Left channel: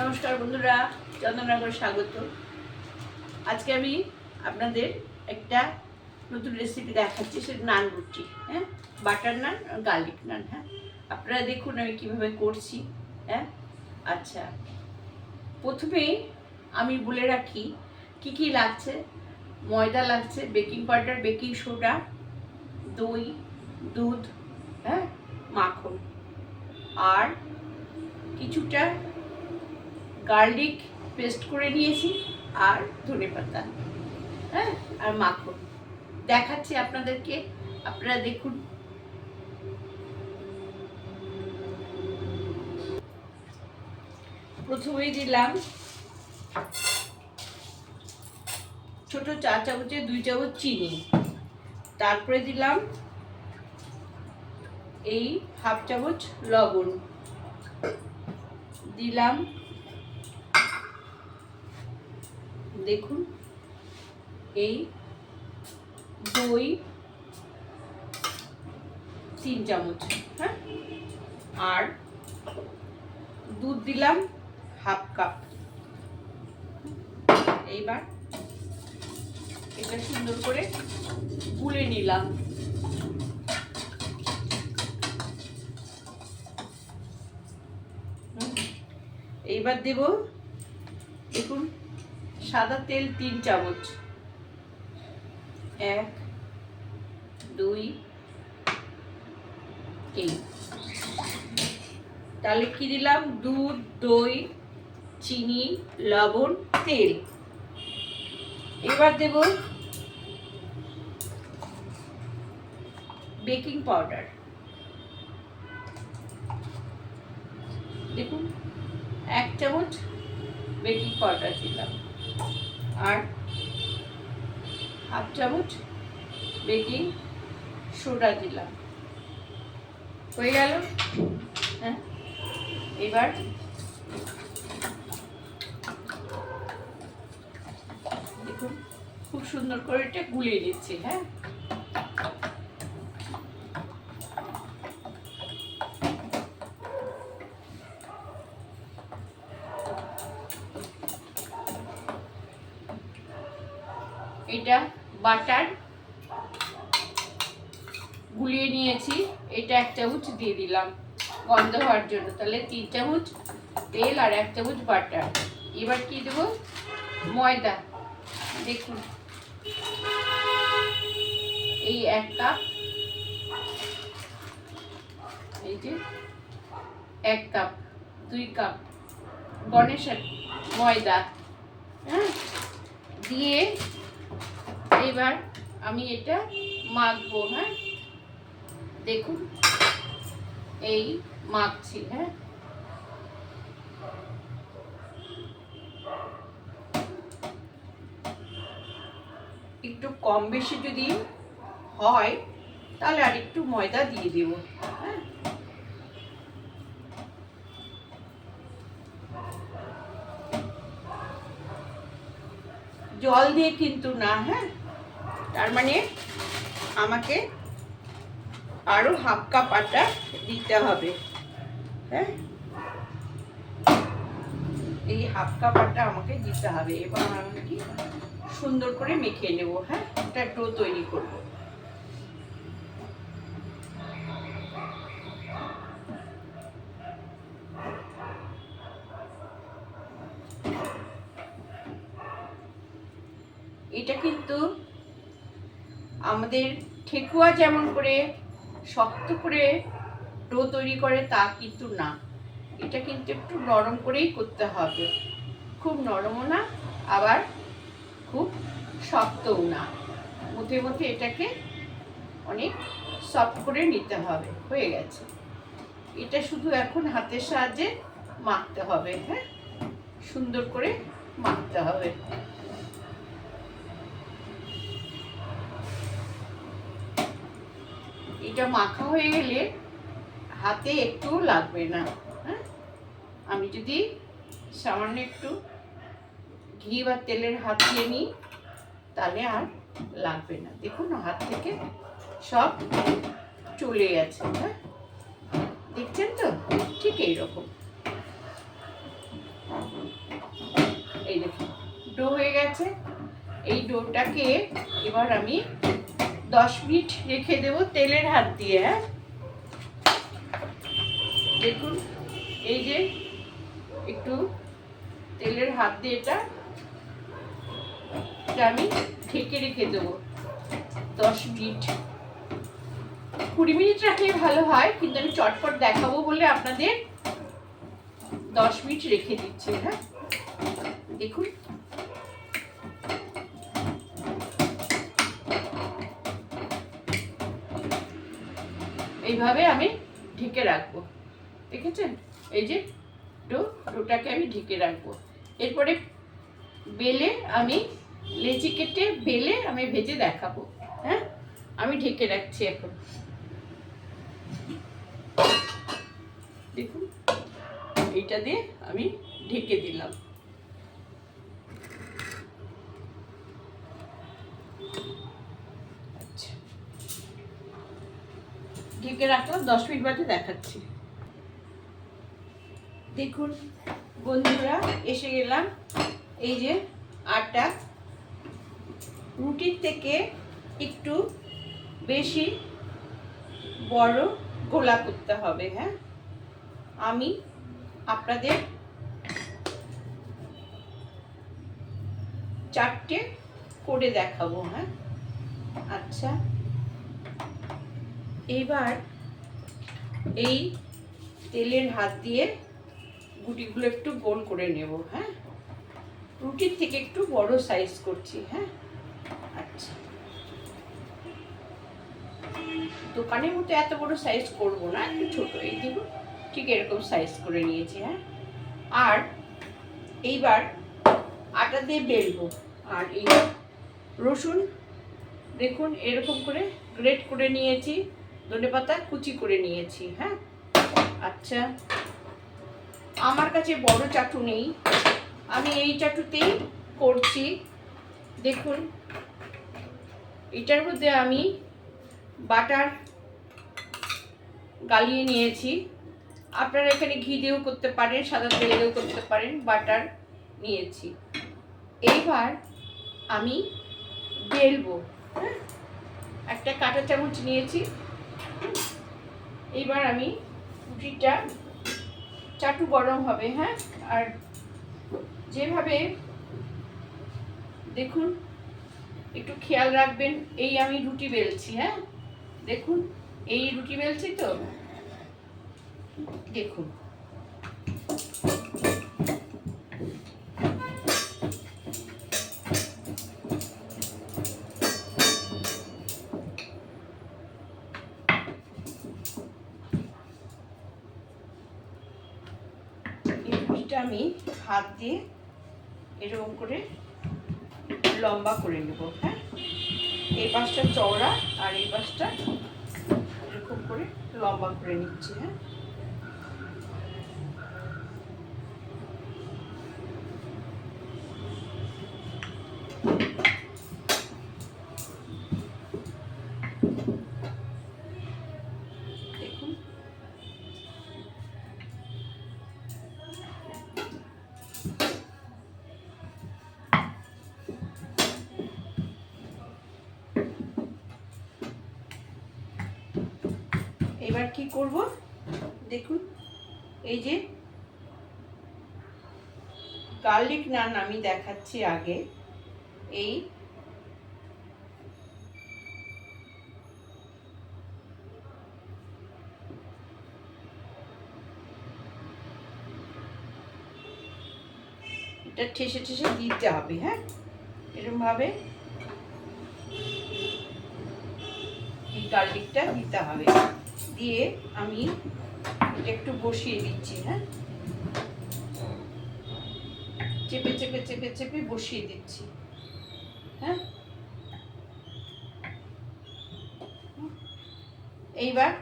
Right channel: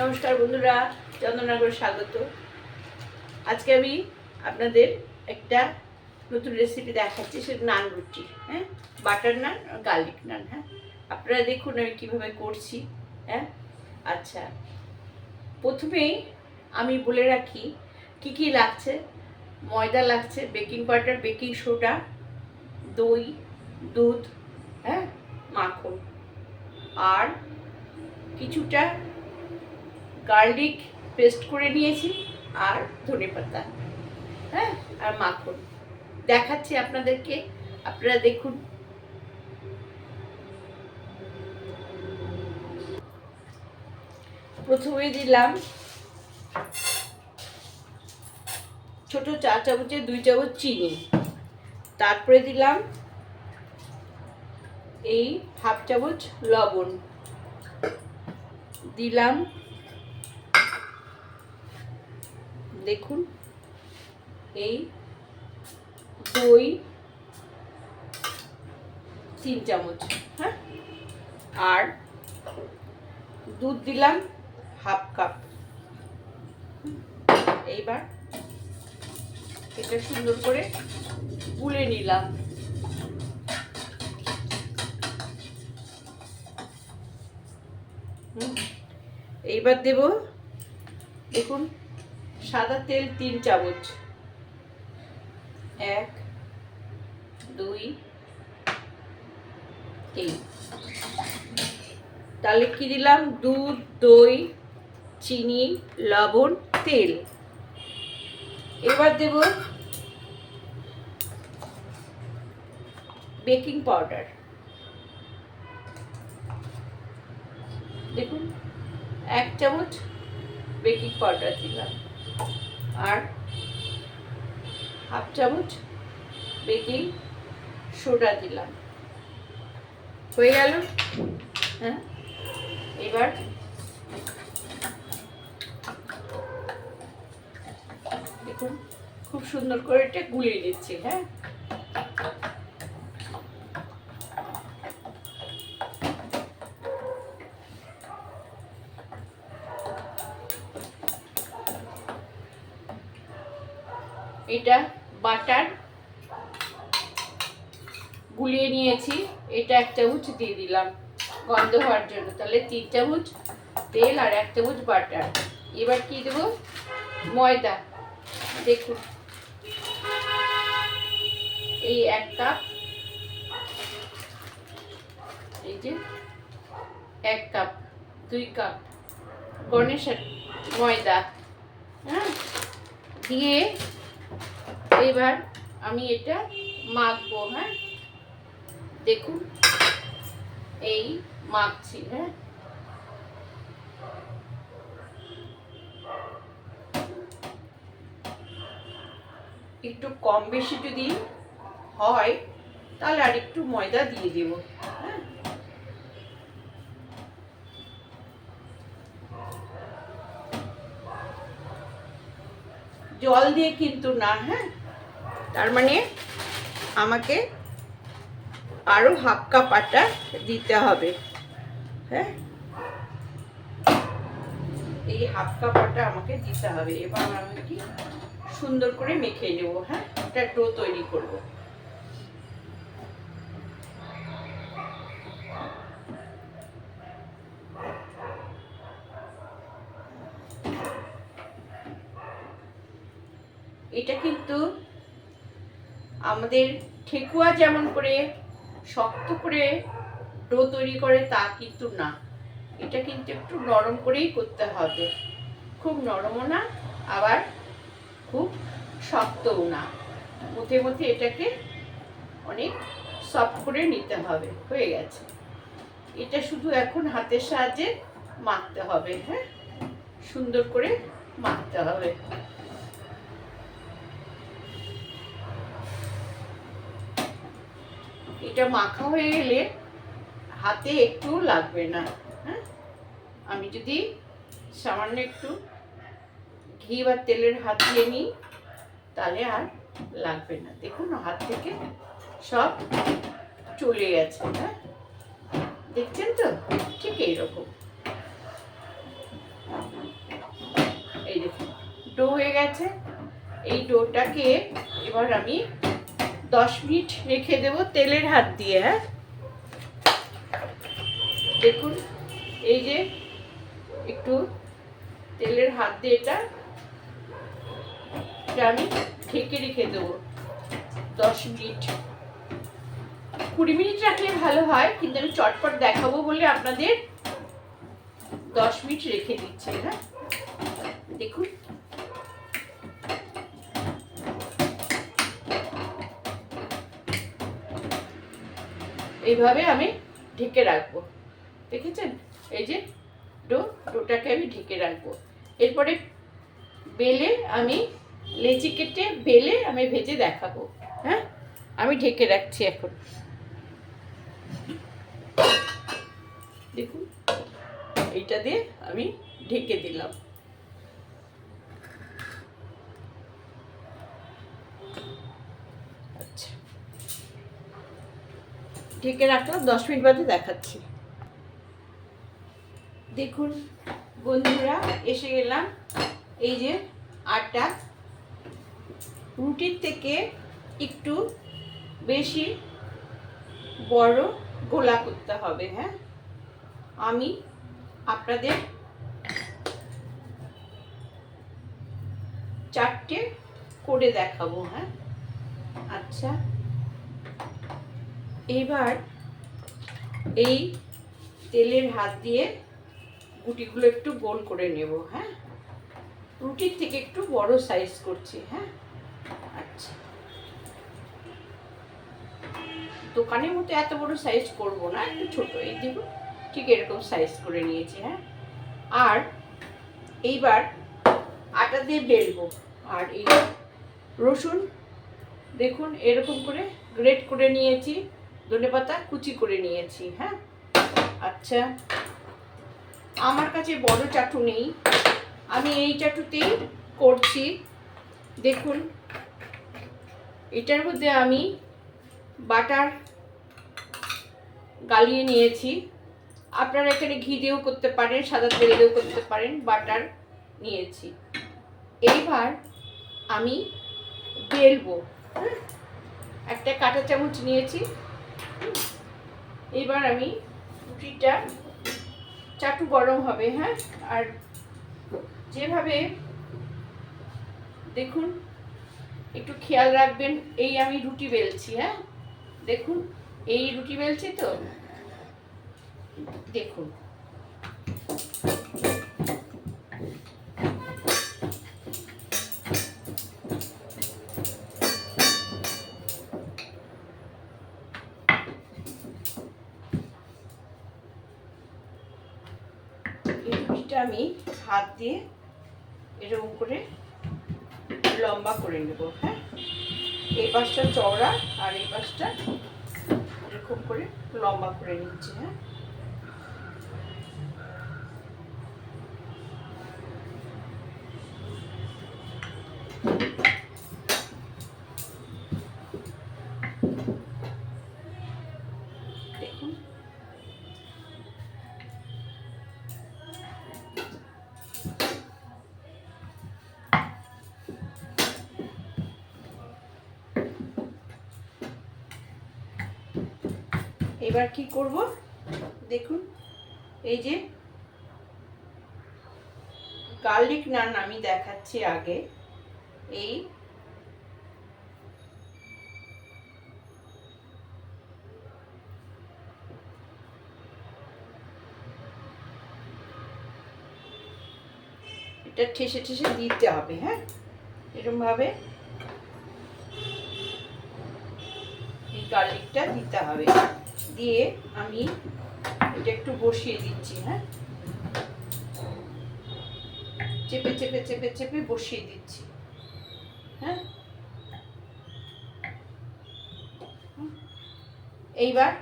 নমস্কার বন্ধুরা, চন্দননগর স্বাগত। আজকে আমি আপনাদের একটা নতুন রেসিপি দেখাচ্ছি, সেটা নান রুটি হ্যাঁ? বাটার নান আর গার্লিক নান হ্যাঁ? আপনারা দেখুন আমি কীভাবে করছি হ্যাঁ? আচ্ছা প্রথমেই আমি বলে রাখি, কি কি লাগছে? ময়দা লাগছে বেকিং পাউডার বেকিং সোডা দই, দুধ হ্যাঁ? মাখন, আর কিছুটা গার্লিক পেস্ট করে নিয়েছি আর ধনে পাতা হ্যাঁ আর মাখন। দেখাচ্ছি আপনাদেরকে, আপনারা দেখুন। প্রথমে দিলাম ছোট চা চামচে দুই চামচ চিনি। তারপরে দিলাম এই হাফ চামচ লবণ। দিলাম দেখুন এই দই তিন চামচ হ্যাঁ আর দুধ দিলাম হাফ কাপ এইবার এটা সুন্দর করে গুলে নিলাম হুম। এইবার দেব দেখুন, সাদা তেল তিন চামচ। এক, দুই এই তাহলে কি দিলাম? দুধ, দই, চিনি, লবণ, তেল। এবার দেব বেকিং পাউডার। দেখুন এক চামচ বেকিং পাউডার দিলাম। আর হাফ চামচ বেকিং সোডা দিলাম। হয়ে গেল? হ্যাঁ? এবার দেখুন, খুব সুন্দর করে এটা গুলিয়ে নিচ্ছি হ্যাঁ? দিয়ে দিলাম। গন্ধ হওয়ার জন্য। তাহলে তিন চামচ তেল আর এক চামচ বাটার। এবার কি দেবো? ময়দা। দেখুন। এই এক কাপ। এই যে এক কাপ, দুই কাপ গণেশের ময়দা। হ্যাঁ? দিয়ে এবার আমি এটা মাখবো। হ্যাঁ? দেখুন। এই মাখছি হ্যাঁ। একটু কম বেশি যদি হয়, তাহলে আর একটু ময়দা দিয়ে দেবো। হ্যাঁ। জল দিয়ে কিন্তু না হ্যাঁ। তার মানে আমাকে আরও হাফ কাপ আটা দিতে হবে। হ্যাঁ? এই হাফ কাপ আটা আমাকে দিতে হবে। এবার আমি কি সুন্দর করে মেখে নেব হ্যাঁ? একটা ডো তৈরি করব। এটা কিন্তু আমাদের ঠেকুয়া যেমন করে শক্ত করে ডো তৈরি করে তা কিন্তু না। এটা কিন্তু একটু নরম করেই করতে হবে। খুব নরমও না, আবার খুব শক্তও না। মধ্যে মধ্যে এটাকে অনেক সফট করে নিতে হবে, হয়ে গেছে। এটা শুধু এখন হাতের সাহায্যে মাখতে হবে হ্যাঁ? সুন্দর করে মাখতে হবে। এটা মাখা হয়ে গেলে হাতে একটু লাগবে না হ্যাঁ? আমি যদি সামান্য একটু ঘি বা তেলের হাত দিয়ে নিই, তাহলে আর লাগবে না। দেখুন, হাত থেকে সব চলে গেছে হ্যাঁ? দেখছেন তো? ঠিক এইরকম। এই দেখুন ডো হয়ে গেছে। এই ডোটাকে এবার আমি দশ মিনিট রেখে দেবো তেলের হাত দিয়ে হ্যাঁ? দেখুন, এই যে একটু তেলের হাত দিয়ে এটা আমি ঢেকে রেখে দেবো দশ মিনিট। কুড়ি মিনিট রাখলে ভালো হয়, কিন্তু আমি চটপট দেখাবো বলে আপনাদের দশ মিনিট রেখে দিচ্ছি হ্যাঁ? দেখুন এইভাবে আমি ঢেকে রাখব। দেখেছেন? এই যে ডো, ডোটাকে আমি ঢেকে রাখব। এরপরে বেলে আমি লেচি কেটে বেলে আমি ভেজে দেখাবো। হ্যাঁ? আমি ঢেকে রাখছি এখন। দেখুন, এইটা দিয়ে আমি ঢেকে দিলাম। ঢেকে রাখলাম, দশ মিনিট বাদে দেখাচ্ছি। দেখুন, বন্ধুরা, এসে গেলাম। এই যে আটা। রুটির থেকে একটু বেশি বড় গোলা করতে হবে হ্যাঁ? আমি আপনাদের চারটে করে দেখাবো হ্যাঁ? আচ্ছা। এইবার এই তেলের হাত দিয়ে গুটিগুলো একটু গোল করে নেব হ্যাঁ? রুটির থেকে একটু বড় সাইজ করছি হ্যাঁ? আচ্ছা। দোকানের মতো এত বড় সাইজ করব না, একটু ছোট, এই দেখুন, ঠিক এরকম সাইজ করে নিয়েছি হ্যাঁ? আর এইবার আটা দিয়ে বেলবো, আর এই রসুন, দেখুন, এরকম করে গ্রেট করে নিয়েছি। ধনে পাতা কুচি করে নিয়েছি হ্যাঁ? আচ্ছা আমার কাছে বড় চাটু নেই। আমি এই চাটুতেই করছি। দেখুন, এটার মধ্যে আমি বাটার গালিয়ে নিয়েছি। আপনারা এখানে ঘি দিয়েও করতে পারেন, সাদা তেল দিয়েও করতে পারেন, বাটার নিয়েছি। এইবার আমি বেলবো হ্যাঁ? একটা কাঁটা চামচ নিয়েছি। এবার আমি রুটিটা চাটু গরম হবে হ্যাঁ? আর যেভাবে দেখুন, একটু খেয়াল রাখবেন, এই আমি রুটি বেলছি হ্যাঁ? দেখুন, এই রুটি বেলছি তো? দেখুন। দিয়ে এরকম করে লম্বা করে নেব হ্যাঁ? এই পাশটা চওড়া আর এই পাশটা এরকম করে লম্বা করে নিচ্ছি হ্যাঁ? এবার কি করব? দেখুন, এই যে গার্লিক নান আমি দেখাচ্ছি আগে। এই এটা ঠেসে ঠেসে দিতে হবে হ্যাঁ? এরকম ভাবে এই গার্লিকটা দিতে হবে। দিয়ে আমি এটা একটু বসিয়ে দিচ্ছি হ্যাঁ? চেপে চেপে চেপে চেপে বসিয়ে দিচ্ছি হ্যাঁ? এইবার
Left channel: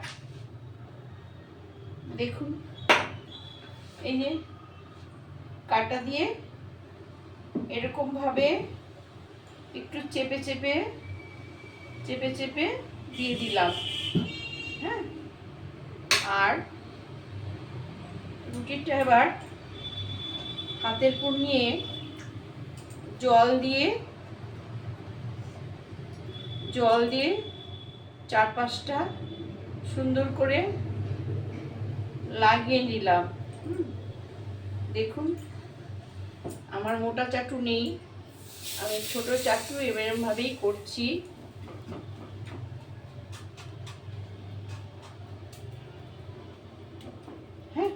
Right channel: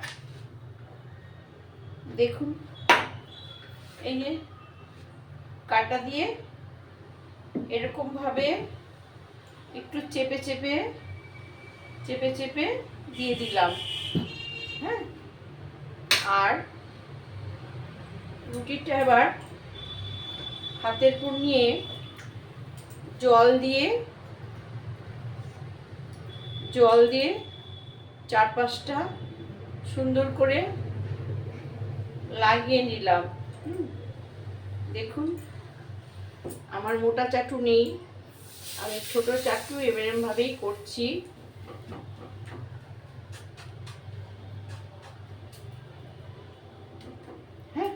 দেখুন, এই যে কাটা দিয়ে এরকম ভাবে একটু চেপে চেপে চেপে চেপে দিয়ে দিলাম হ্যাঁ? আর রুটিটা এবার হাতের পুর নিয়ে জল দিয়ে জল দিয়ে চার পাঁচটা সুন্দর করে লাগিয়ে নিলাম। দেখুন, আমার মোটা চাটু নেই, আমি ছোট চাটু এরম ভাবেই করছি হ্যাঁ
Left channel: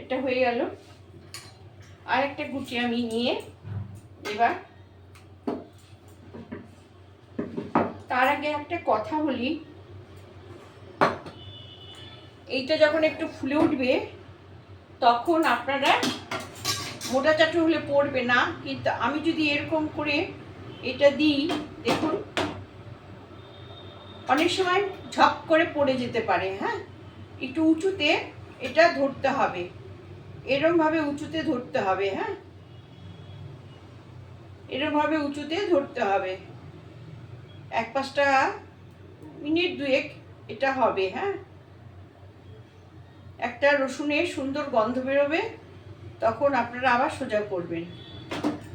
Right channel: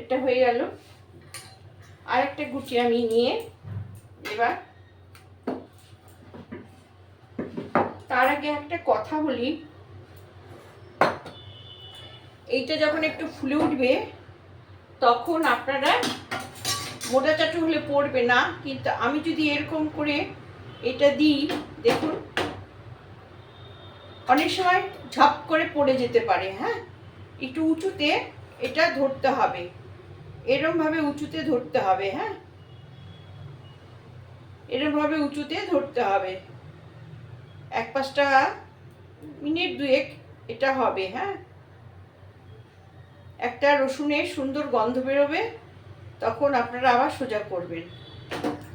এটা হয়ে গেল। আর একটা গুটি আমি নিয়ে এবার তার আগে একটা কথা বলি। এইটা যখন একটু ফুলে উঠবে, তখন আপনারা মোটা চাটু হলে পড়বে না, কিন্তু আমি যদি এরকম করে এটা দিই, দেখুন, অনেক সময় ঝপ করে পড়ে যেতে পারে হ্যাঁ? একটু উঁচুতে এটা ধরতে হবে। এরমভাবে উঁচুতে ধরতে হবে হ্যাঁ? এরমভাবে উঁচুতে ধরতে হবে। এক পাঁচটা মিনিট দুয়েক এটা হবে হ্যাঁ? একটা রসুনের সুন্দর গন্ধ বেরোবে, তখন আপনারা আবার সোজা করবেন।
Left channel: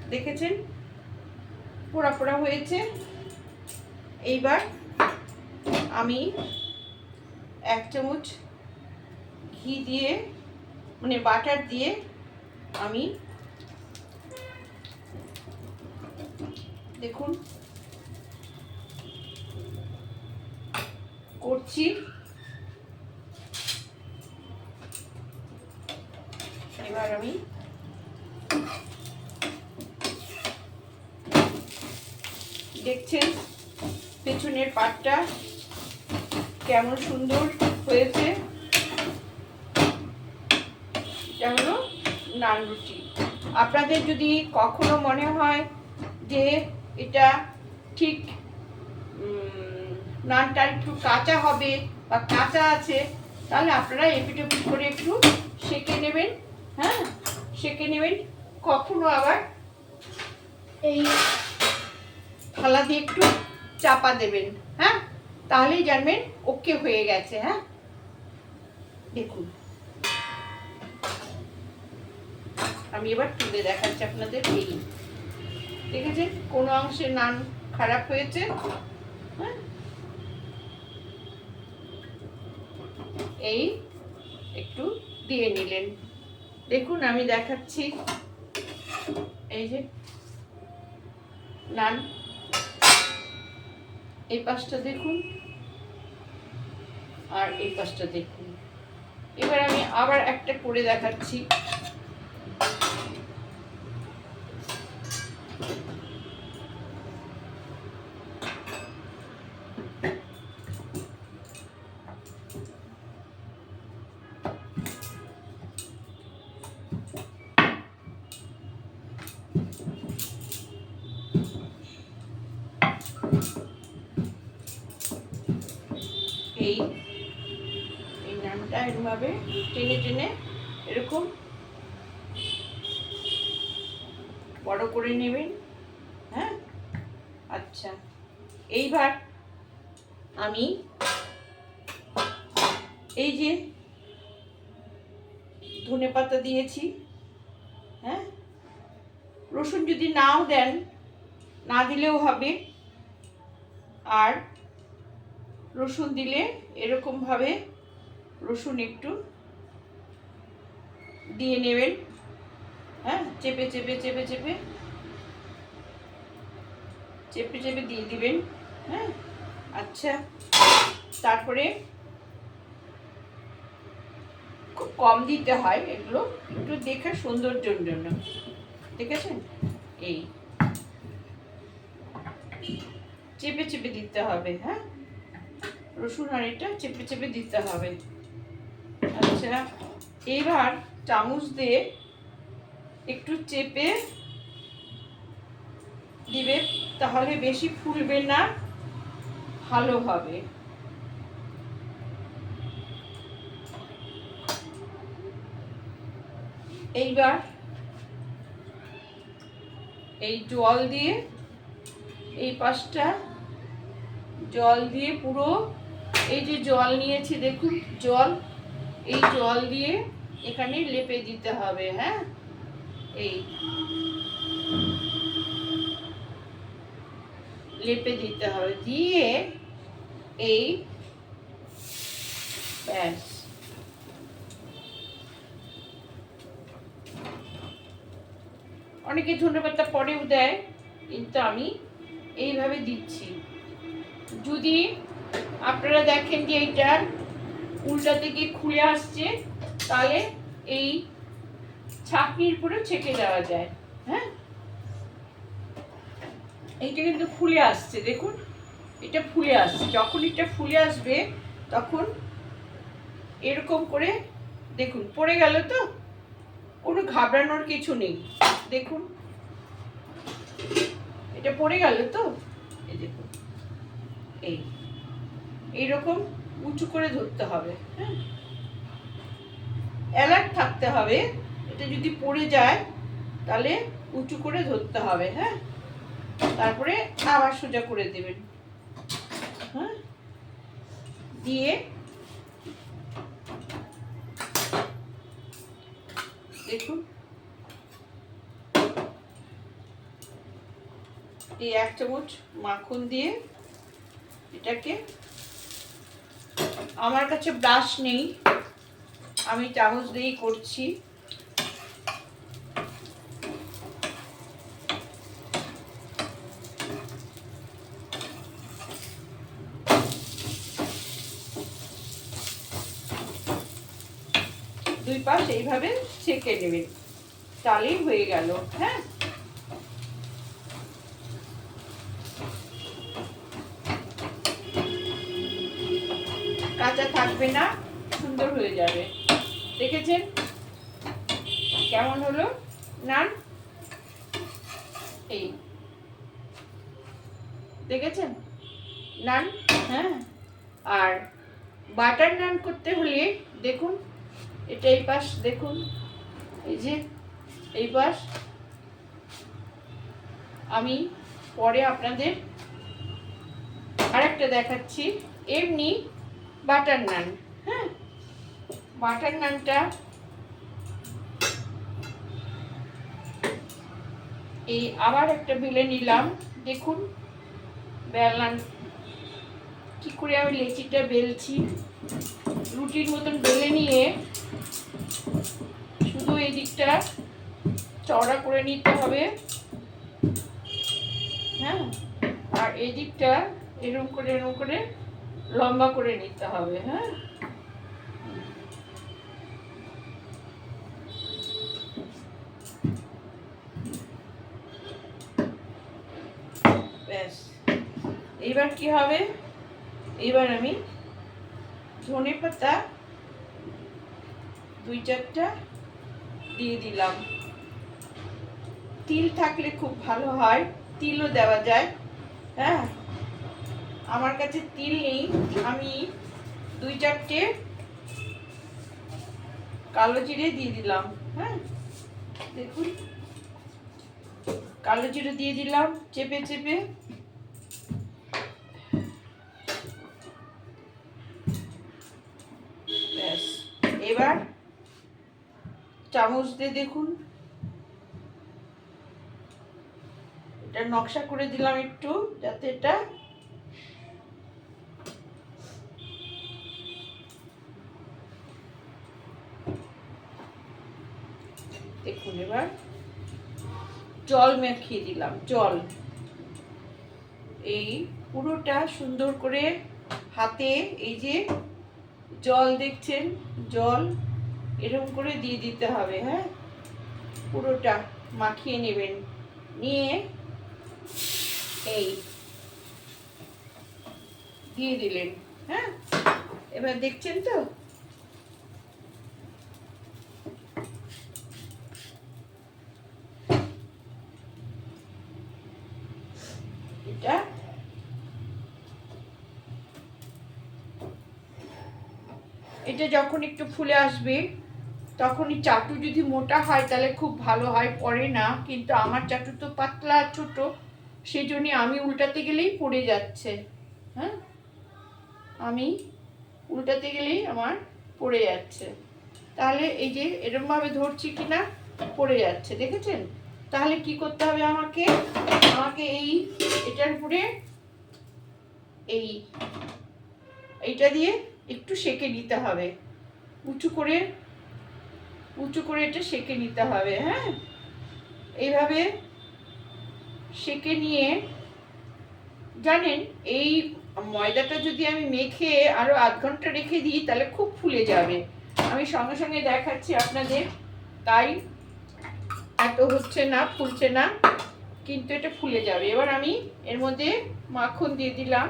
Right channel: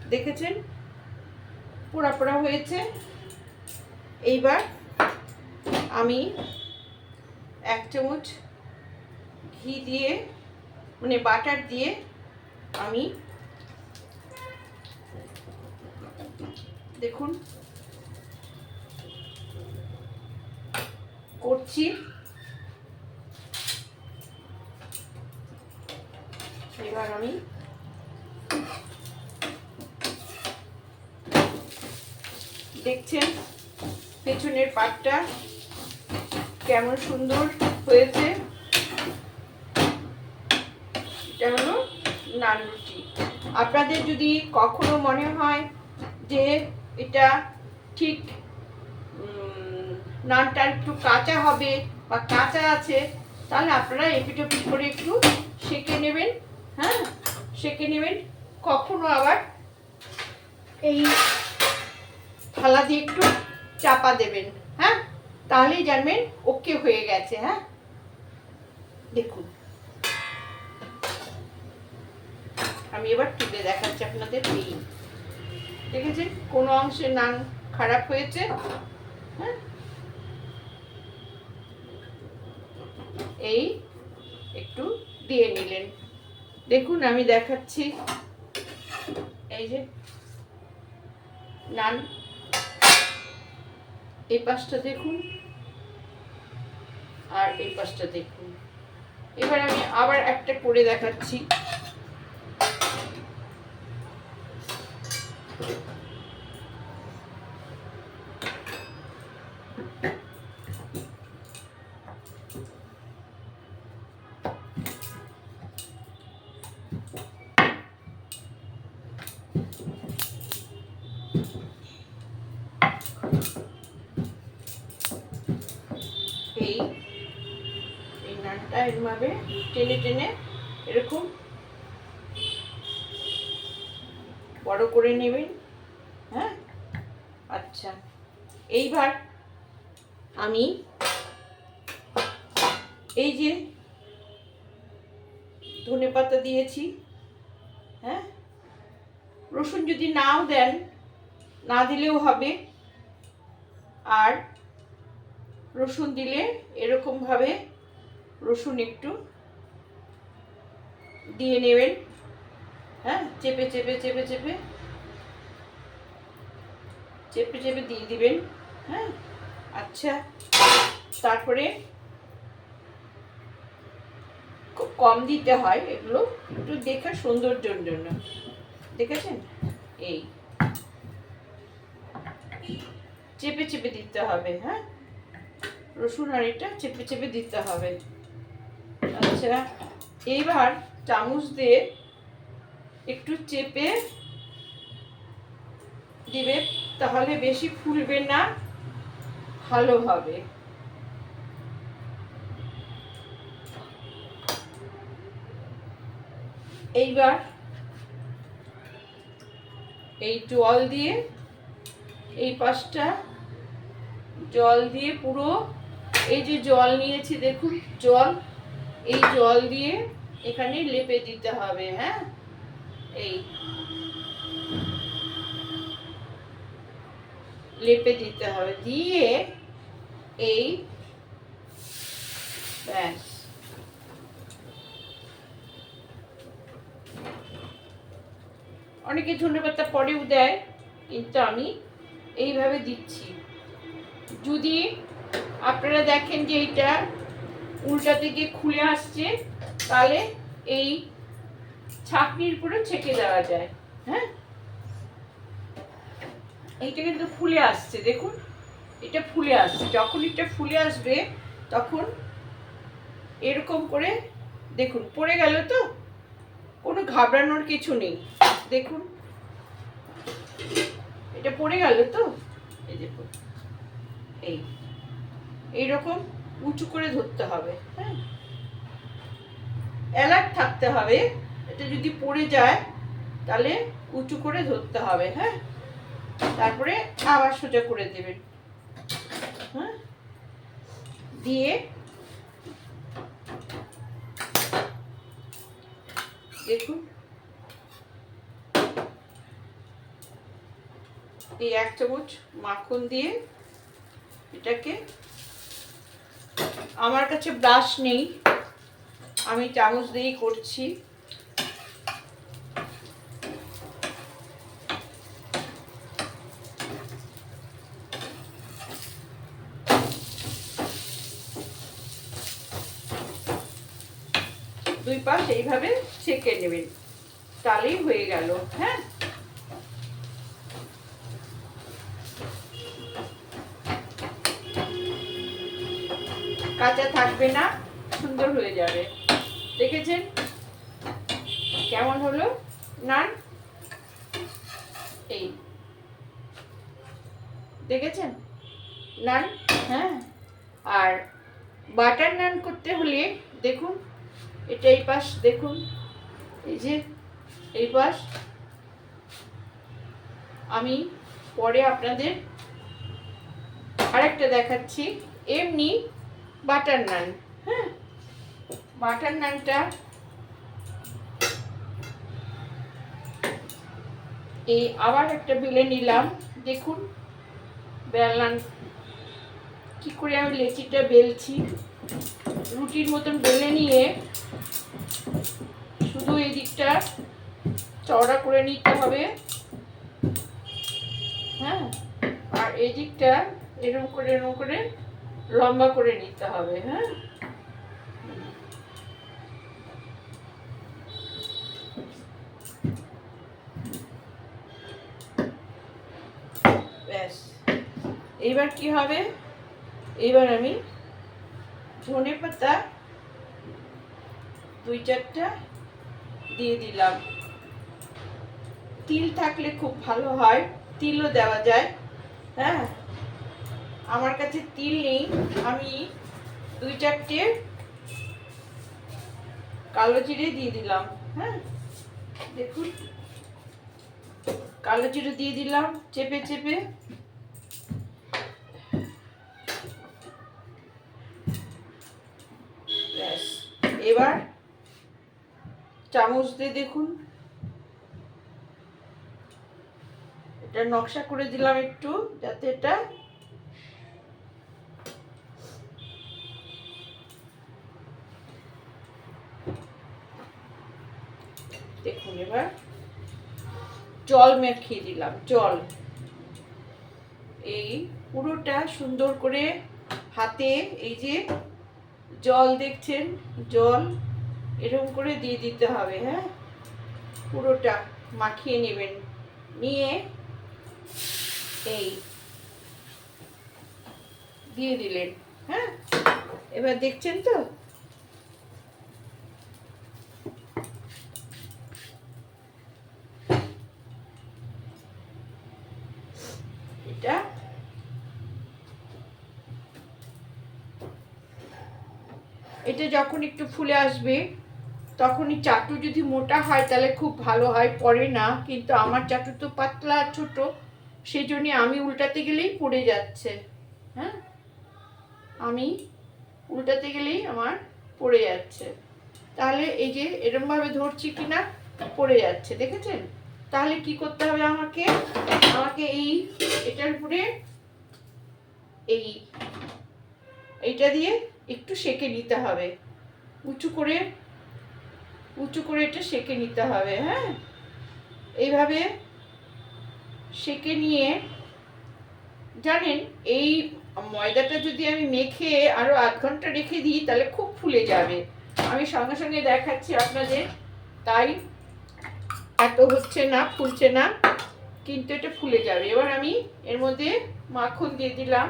দেখেছেন? পোড়া পোড়া হয়েছে। এইবার আমি এক চামচ ঘি দিয়ে মানে বাটার দিয়ে আমি দেখুন করছি। এবার আমি দেখছেন পেছনের পাটটা কেমন সুন্দর হয়েছে এটা হলো নান রুটি আপনাদের যদি কখনো মনে হয় যে এটা ঠিক নানটা একটু কাঁচা হবে বা কাঁচা আছে, তাহলে আপনারা এপিট এপিট করে একটু সেঁকে নেবেন হ্যাঁ? সেঁকে নেবেন। কখনো আবার এই থালা দিয়ে একটু চাপা দেবেন হ্যাঁ? তাহলেই জানবেন ওকে হয়ে গেছে হ্যাঁ? দেখুন। আমি এবার তুলে দেখাচ্ছি আপনাদের এই। দেখেছেন? কোনো অংশে নান খারাপ হয়েছে? হ্যাঁ? এই একটু দিয়ে নিলেন। দেখুন, আমি দেখাচ্ছি। এই যে নান। এই পাশটা দেখুন। আর এই পাশটা দেখুন। এবার আমি আবার একটা করে দেখাচ্ছি। এই এই নানটা এরমভাবে টেনে টেনে এরকম বড় করে নেবেন হ্যাঁ? আচ্ছা এইবার আমি এই যে ধনে পাতা দিয়েছি হ্যাঁ? রসুন যদি নাও দেন, না দিলেও হবে। আর রসুন দিলে এরকমভাবে রসুন একটু দিয়ে নেবেন। হ্যাঁ চেপে চেপে চেপে চেপে। চেপে চেপে দিয়ে দিবেন। হ্যাঁ আচ্ছা। তারপরে খুব কম দিতে হয় এগুলো, একটু দেখা সৌন্দর্যের জন্য। দেখেছেন? এই। চেপে চেপে দিতে হবে হ্যাঁ। রসুন আর এটা চেপে চেপে দিতে হবে। আচ্ছা এইবার চামচ দিয়ে একটু চেপে দিবে, তাহলে বেশি ফুলবে না ভালো হবে এইবার এই জল দিয়ে এই পাশটা জল দিয়ে পুরো এই যে জল নিয়েছি, দেখুন, জল, এই জল দিয়ে এখানে লেপে দিতে হবে হ্যাঁ? এই লেপে দিতে হবে, দিয়ে এই ব্যাস। অনেকে ধনে পাতা পরেও দেয়, কিন্তু আমি এইভাবে দিচ্ছি। যদি আপনারা দেখেন যে এইটা উল্টা থেকে খুলে আসছে, তাহলে এই ছাকনির উপরে ছেঁকে দেওয়া যায় হ্যাঁ? এইটা কিন্তু ফুলে আসছে, দেখুন, এটা ফুলে আসছে। যখন এটা ফুলে আসবে, তখন এরকম করে, দেখুন, পড়ে গেল তো? কোনো ঘাবড়ানোর কিছু নেই। দেখুন, এটা পড়ে গেল তো? এই দেখুন, এই। এইরকম উঁচু করে ধরতে হবে হ্যাঁ? অ্যালার্ট থাকতে হবে, এটা যদি পড়ে যায়, তাহলে উঁচু করে ধরতে হবে হ্যাঁ? তারপরে আবার সোজা করে দেবেন হ্যাঁ? দিয়ে দেখুন। এই এক চামচ মাখন দিয়ে এটাকে আমার কাছে ব্রাশ নেই। আমি চামচ দিয়েই করছি। দুই পাশ এইভাবে ছেঁকে নেবেন। তাহলেই হয়ে গেল হ্যাঁ? কাঁচা থাকবে না, সুন্দর হয়ে যাবে। দেখেছেন? কেমন হলো? নান? এই। দেখেছেন? নান? হ্যাঁ। আর বাটার নান করতে হলে দেখুন, এটা এই পাশ দেখুন, এই যে, এই পাশ। আমি পরে আপনাদের আরেকটা দেখাচ্ছি। এমনি বাটার নান। হ্যাঁ? বাটার নানটা এই আবার একটা বেলে নিলাম। দেখুন বেলান কি করে আমি লেচিটা বেলছি। রুটির মতন বেলে নিয়ে শুধু এই দিকটা চওড়া করে নিতে হবে। হ্যাঁ? আর এই দিকটা এরকম করে এরকম করে লম্বা করে নিতে হবে হ্যাঁ? ব্যাস। এইবার কি হবে? এইবার আমি ধনে পাতা দুই চারটা দিয়ে দিলাম। তিল থাকলে খুব ভালো হয়, তিলও দেওয়া যায় হ্যাঁ? আমার কাছে তিল নেই। আমি দুই চারটে কালো জিরে দিয়ে দিলাম হ্যাঁ? দেখুন। কালো জিরে দিয়ে দিলাম, চেপে চেপে। এবার চামচ দিয়ে দেখুন। এটা নকশা করে দিলাম একটু, যাতে এটা দেখুন এবার। জল মেখিয়ে দিলাম, জল। এই পুরোটা সুন্দর করে হাতে এই যে জল দেখছেন, জল এরকম করে দিয়ে দিতে হবে হ্যাঁ? পুরোটা মাখিয়ে নেবেন। নিয়ে এই দিয়ে দিলেন হ্যাঁ? এবার দেখছেন তো এটা এটা যখন একটু ফুলে আসবে, তখনই চাটু যদি মোটা হয় তাহলে খুব ভালো হয়, পরে না। কিন্তু আমার চাটু তো পাতলা ছোট, সেই জন্যে আমি উল্টাতে গেলেই পড়ে যাচ্ছে। হ্যাঁ? আমি উল্টাতে গেলেই আমার পড়ে যাচ্ছে। তাহলে এই যে এরমভাবে ধরছি কি না, পড়ে যাচ্ছে, দেখেছেন? তাহলে কি করতে হবে আমাকে? আমাকে এই, এটার উপরে এই, এইটা দিয়ে একটু সেকে নিতে হবে। উঁচু করে উঁচু করে এটা সেকে নিতে হবে হ্যাঁ? এইভাবে সেকে নিয়ে, জানেন, এই ময়দাটা যদি আমি মেখে আরও আধ ঘণ্টা রেখে দিই, তাহলে খুব ফুলে যাবে। আমি সঙ্গে সঙ্গে দেখাচ্ছি আপনাদের, তাই এত হচ্ছে না, ফুলছে না, কিন্তু এটা ফুলে যাবে। এবার আমি এর মধ্যে মাখন দিয়ে দিলাম।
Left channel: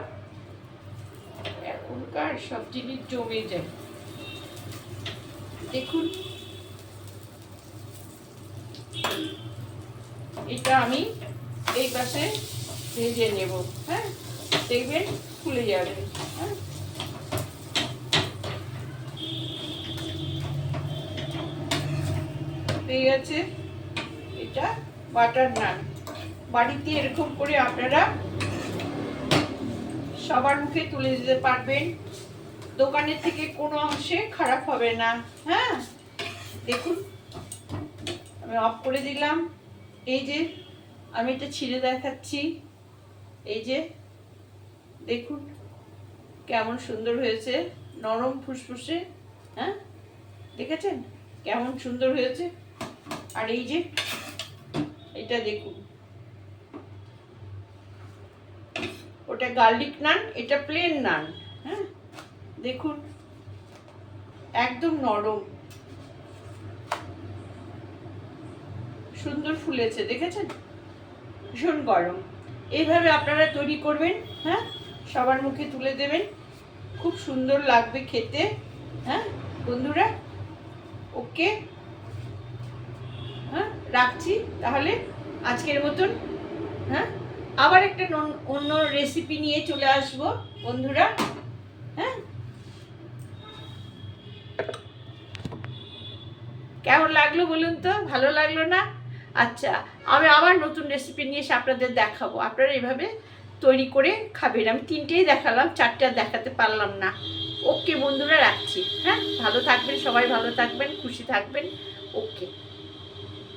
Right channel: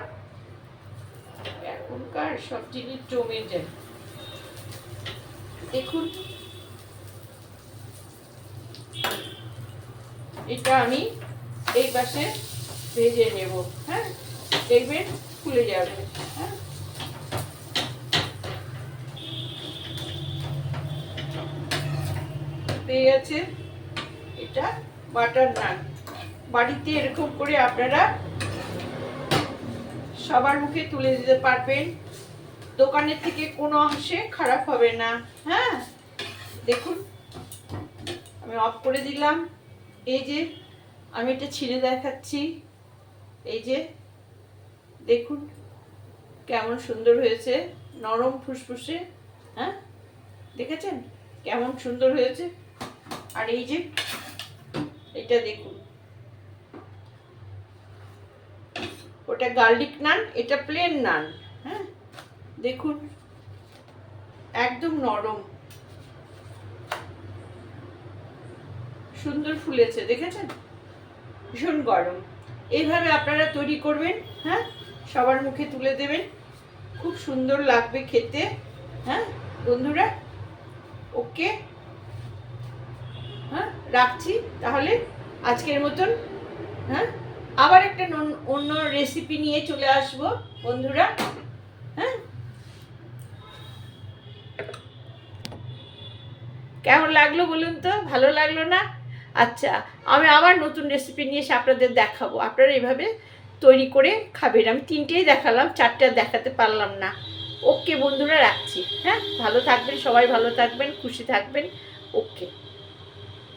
এখনকার সব জিনিস জমে যায়। দেখুন। এটা আমি এই পাশে ভেজে নেব হ্যাঁ? দেখবেন ফুলে যাবে হ্যাঁ? পেয়ে গেছে এটা বাটার নান। বাড়িতে এরকম করে আপনারা সবার মুখে তুলে দিতে পারবেন। দোকানের থেকে কোনো অংশে খারাপ হবে না। হ্যাঁ? দেখুন, আমি অফ করে দিলাম। এই যে, আমি এটা ছিঁড়ে দেখাচ্ছি। এই যে, দেখুন কেমন সুন্দর হয়েছে, নরম ফুসফুসে হ্যাঁ? দেখেছেন? কেমন সুন্দর হয়েছে। আর এই যে, এটা দেখুন। ওটা গার্লিক নান, এটা প্লেন নান হ্যাঁ? দেখুন, একদম নরম। সুন্দর ফুলেছে, দেখেছেন? ভীষণ গরম। এইভাবে আপনারা তৈরি করবেন হ্যাঁ? সবার মুখে তুলে দেবেন। খুব সুন্দর লাগবে খেতে হ্যাঁ? বন্ধুরা, ওকে? হ্যাঁ রাখছি তাহলে আজকের মতন হ্যাঁ? আবার একটা অন্য রেসিপি নিয়ে চলে আসব, বন্ধুরা হ্যাঁ? কেমন লাগল বলুন তো? ভালো লাগল না? আচ্ছা আমি আবার নতুন রেসিপি নিয়ে এসে আপনাদের দেখাবো। আপনারা এভাবে তৈরি করে খাবেন। আমি তিনটেই দেখালাম, চারটে দেখাতে পারলাম না। ওকে বন্ধুরা, রাখছি। হ্যাঁ ভালো থাকবেন, সবাই ভালো থাকবেন, খুশি থাকবেন। ওকে।